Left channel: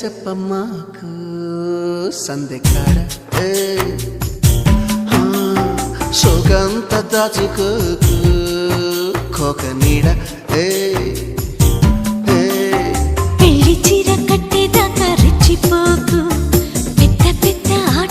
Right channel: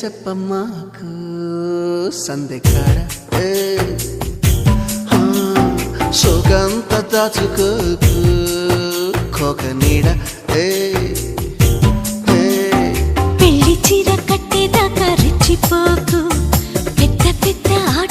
చెప్పమ్మాకు సందెకాడ సోకంత దాచుకోకు కోక నీడ పెళ్లి చీర కట్టేదాకా రెచ్చిపోకు పెద్ద పెద్ద